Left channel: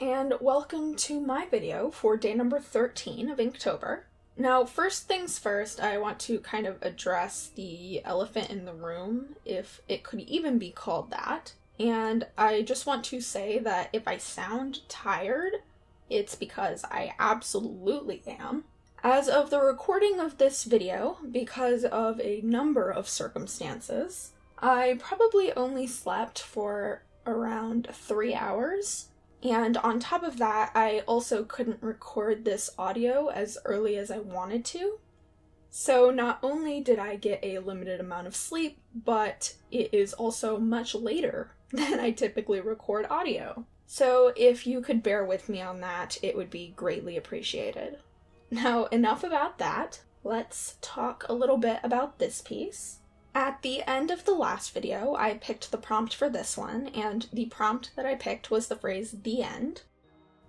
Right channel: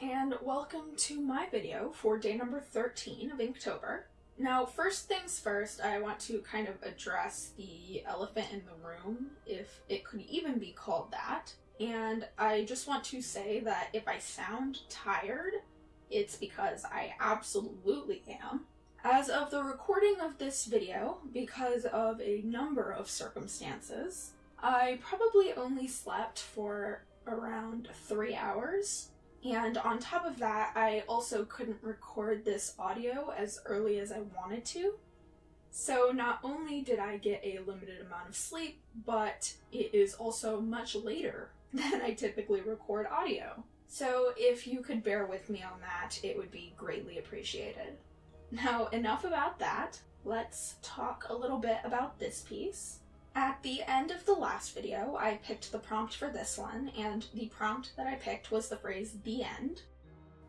and welcome to my video for day number 13 of Inktober. Now, first things first, I want to kind of address the elephant in the room, if it could even be called that. And I just want to say that if I sound tired, it's because I absolutely am. As of the recording of this video, because of a number of circumstances, I probably only slept for around 3 hours. And on top of that, I also couldn't record this audio as early as I wanted to. So not only did I get a limited amount of sleep, but it is also much later than I typically record audio. So if you could bear with me on that, it would be greatly appreciated. Now, enough about that. Let's talk a little bit about this piece. At the end of the last video, I picked the prompt for this one, and the prompt that I picked was the phrase, "the end."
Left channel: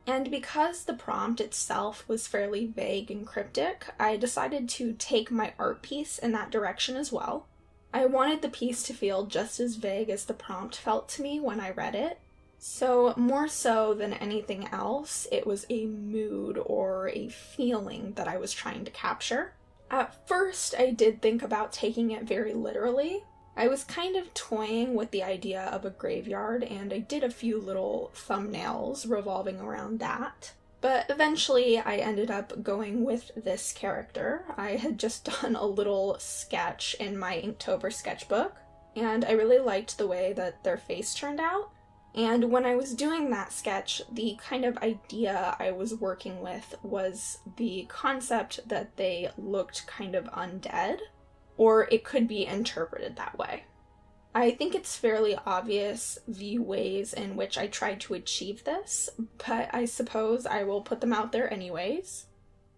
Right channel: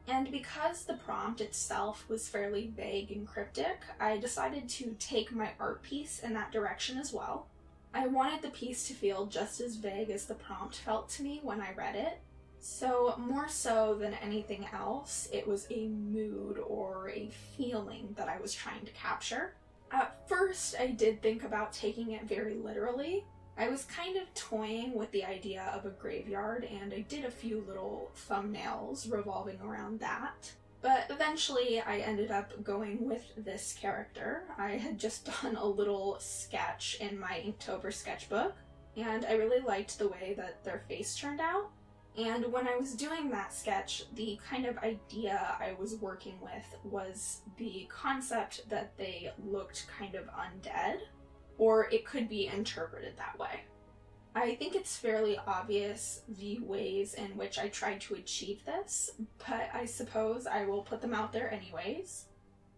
And because the prompt itself was fairly vague and cryptic, I decided to take my art piece in that direction as well. I wanted the piece to feel just as vague as the prompt felt to me when I read it. So more so than anything else, it was a mood or a feeling that I was trying to capture. At first, I did think about taking it very literally. I was kind of toying with the idea of a graveyard, and I did a few little thumbnails revolving around that. But eventually, I ended up going with this character. I had just done a little sketch in my Inktober sketchbook, and I really liked the way that their face turned out. And when I was doing that sketch, the kind of idea I was working with was the concept that they looked kind of undead, or it could be interpreted that way. I think it's fairly obvious the ways in which I tried to achieve this, but I suppose I will put them out there anyways.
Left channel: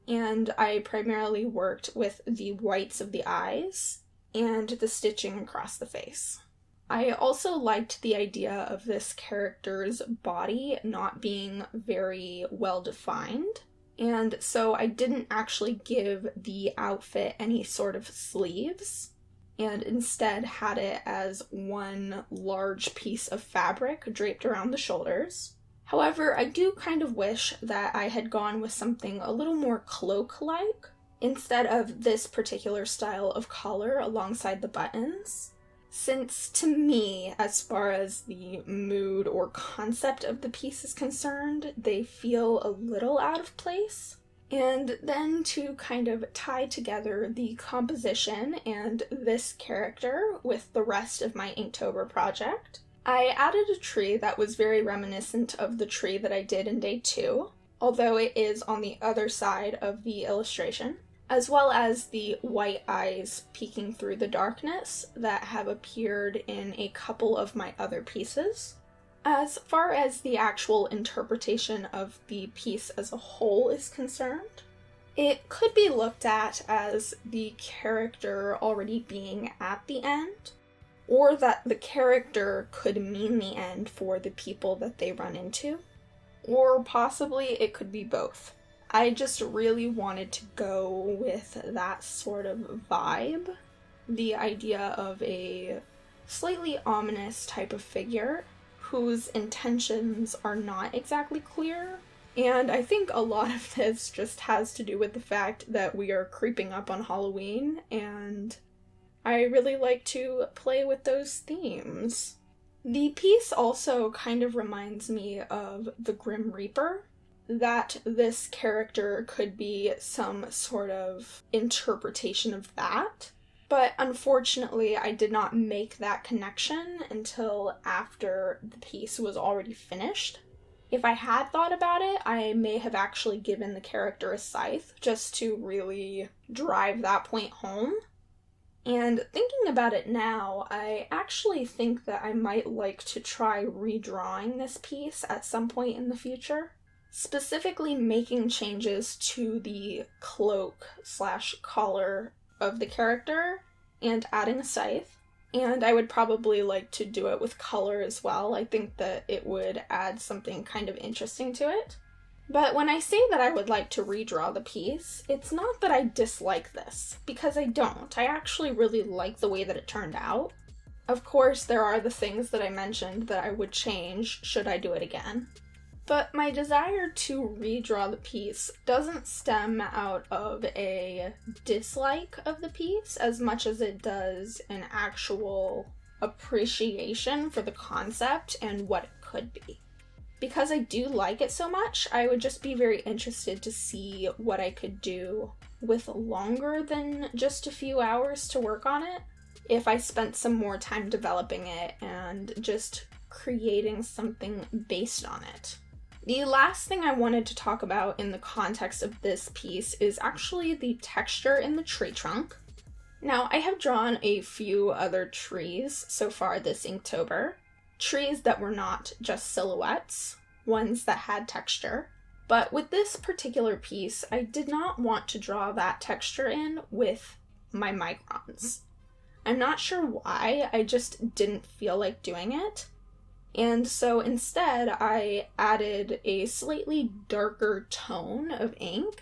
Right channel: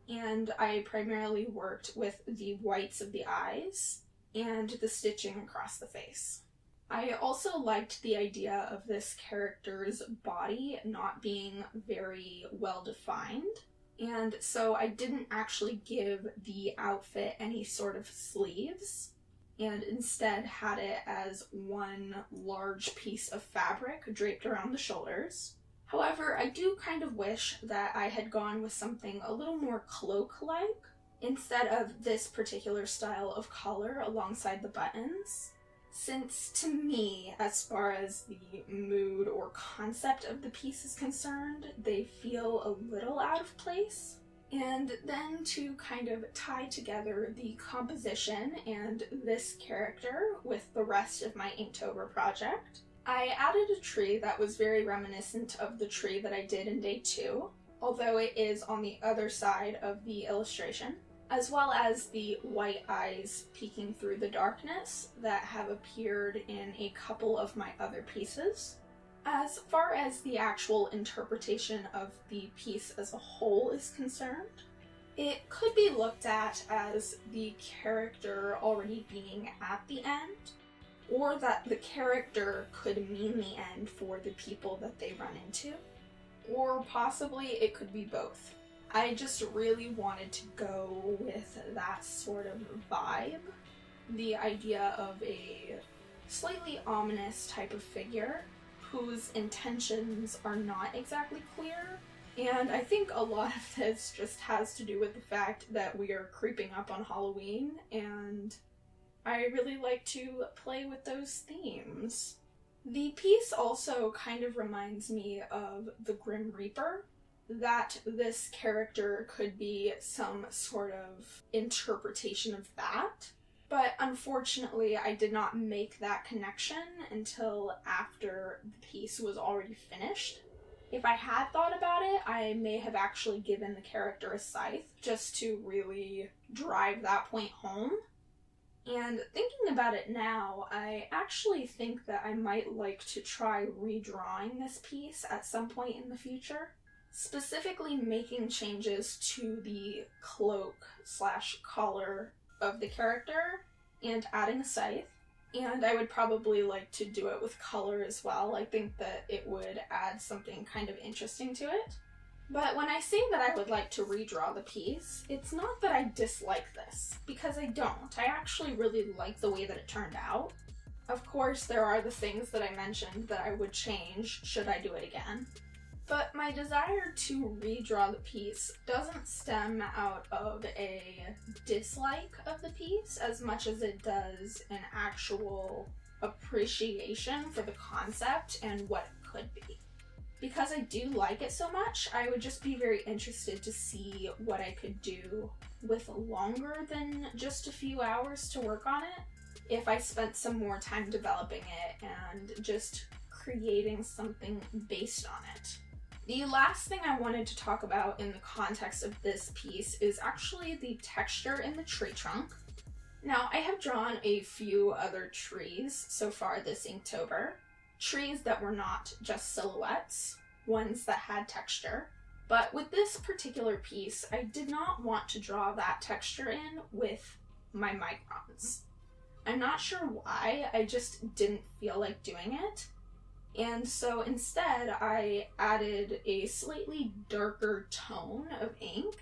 And I primarily worked with the whites of the eyes and the stitching across the face. I also liked the idea of this character's body not being very well defined, and so I didn't actually give the outfit any sort of sleeves, and instead had it as one large piece of fabric draped around the shoulders. However, I do kind of wish that I had gone with something a little more cloak-like, instead of this particular style of collar alongside the buttons. Since, to me, as far as the mood or concept of the piece is concerned, they feel a little out of place. And then to kind of tie together the composition and this character with the rest of my Inktober project, I added a tree that was very reminiscent of the tree that I did in day 2, although it is on the other side of the illustration, as well as the white eyes peeking through the darkness that have appeared in a couple of my other pieces. As far as the actual interpretation of the piece as a whole is concerned, it could be looked at as the character already being at the end, or that the character could mean the end for the people that they run into, or possibly it could be both. I just really wanted to go with that sort of vibe. The idea of a slightly ominous type of figure whose intentions are not exactly clear. And I think a lot of this just has to do with the fact that we are creeping up on Halloween, and I really like to play with those themes. The piece also kind of reminds me of the Grim Reaper, that this character could be some sort of interpretation of that. But unfortunately, I did not make that connection until after the piece was already finished. If I had thought about it, I may have actually given the character a scythe just to really drive that point home. And thinking about it now, I actually think that I might like to try redrawing this piece at some point in the future. Specifically making changes to the cloak/collar of the character and adding a scythe. And I would probably like to do it with color as well. I think that it would add something kind of interesting to it. But when I say that I would like to redraw the piece, it's not that I dislike this, because I don't. I actually really like the way that it turned out. Of course, there are the things that I mentioned that I would change should I do it again. But my desire to redraw the piece doesn't stem out of a dislike of the piece as much as it does an actual appreciation for the concept and what it could be. Because I do like it so much, I would just be very interested to see what I could do with longer than just a few hours to work on it if I spent some more time developing it and just creating something based on it. The last thing I wanted to talk about in the context of this piece is actually the texture in the tree trunk. Now, I have drawn a few other trees so far this Inktober. Trees that were not just silhouettes, ones that had texture. But with this particular piece, I did not want to draw that texture in with my microns. I'm not sure why, I just didn't feel like doing it. And so instead, I added a slightly darker tone of ink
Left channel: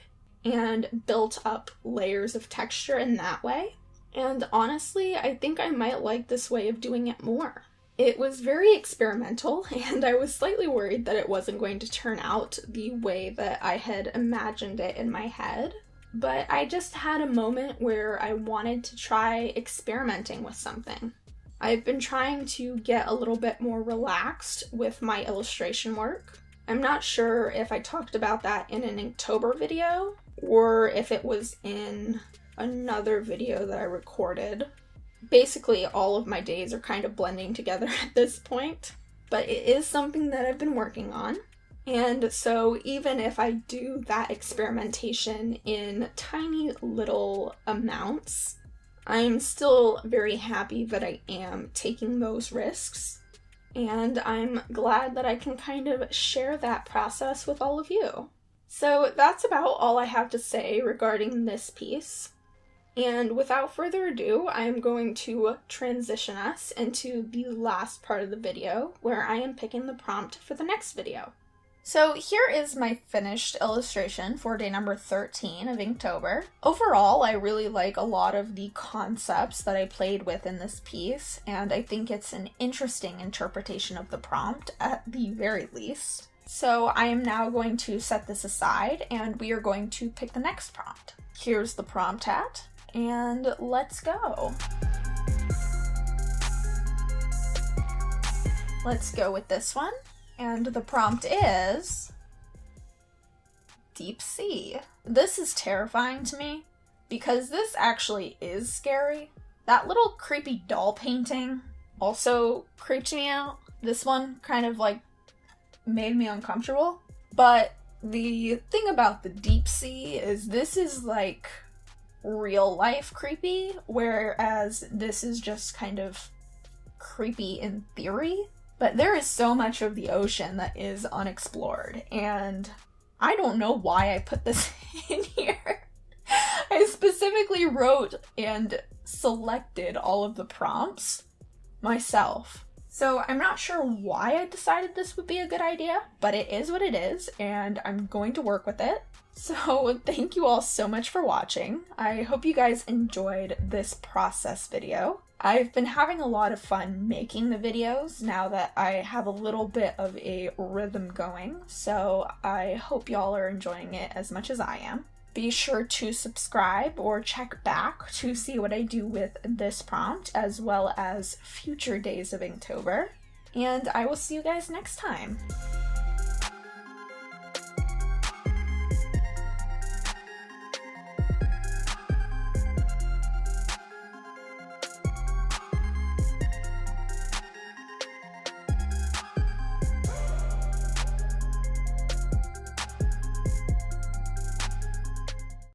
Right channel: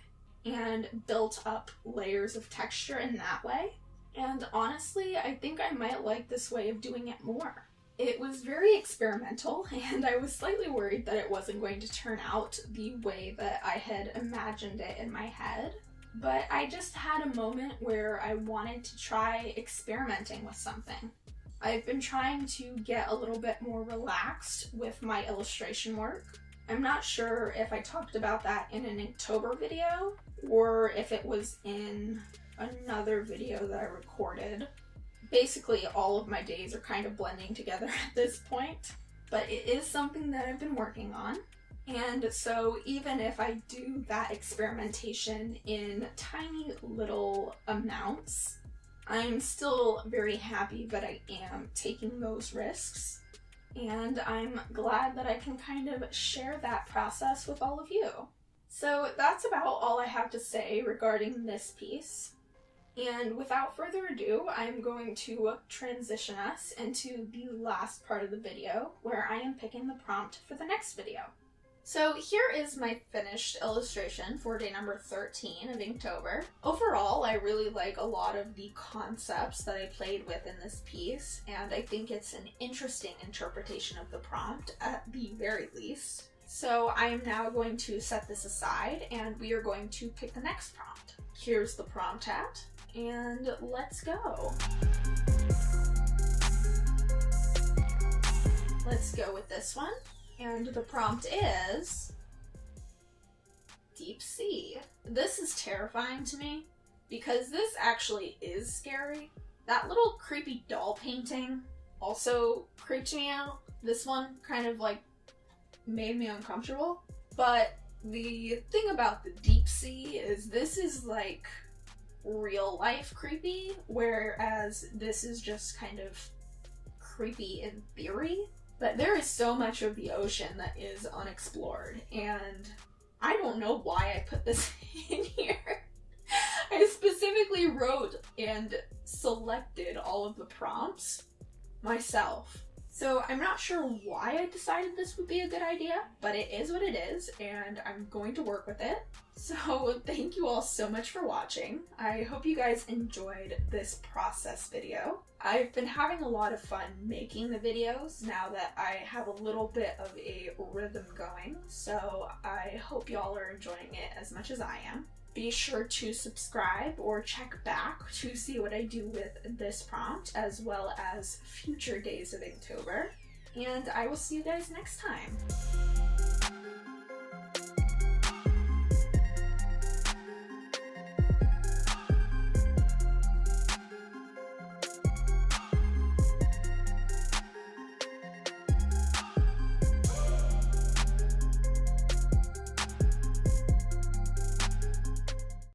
and built up layers of texture in that way. And honestly, I think I might like this way of doing it more. It was very experimental, and I was slightly worried that it wasn't going to turn out the way that I had imagined it in my head. But I just had a moment where I wanted to try experimenting with something. I've been trying to get a little bit more relaxed with my illustration work. I'm not sure if I talked about that in an Inktober video or if it was in another video that I recorded. Basically, all of my days are kind of blending together at this point, but it is something that I've been working on. And so even if I do that experimentation in tiny little amounts, I'm still very happy that I am taking those risks, and I'm glad that I can kind of share that process with all of you. So that's about all I have to say regarding this piece. And without further ado, I'm going to transition us into the last part of the video, where I am picking the prompt for the next video. So here is my finished illustration for day number 13 of Inktober. Overall, I really like a lot of the concepts that I played with in this piece, and I think it's an interesting interpretation of the prompt at the very least. So I am now going to set this aside, and we are going to pick the next prompt. Here's the prompt hat, and let's go. Let's go with this one. And the prompt is deep sea. This is terrifying to me because this actually is scary. That little creepy doll painting also creeped me out. This one kind of like made me uncomfortable. But the thing about the deep sea is this is like real life creepy, whereas this is just kind of creepy in theory. But there is so much of the ocean that is unexplored, and I don't know why I put this in here. I specifically wrote and selected all of the prompts myself. So I'm not sure why I decided this would be a good idea, but it is what it is, and I'm going to work with it. So thank you all so much for watching. I hope you guys enjoyed this process video. I've been having a lot of fun making the videos now that I have a little bit of a rhythm going, so I hope y'all are enjoying it as much as I am. Be sure to subscribe or check back to see what I do with this prompt, as well as future days of Inktober. And I will see you guys next time.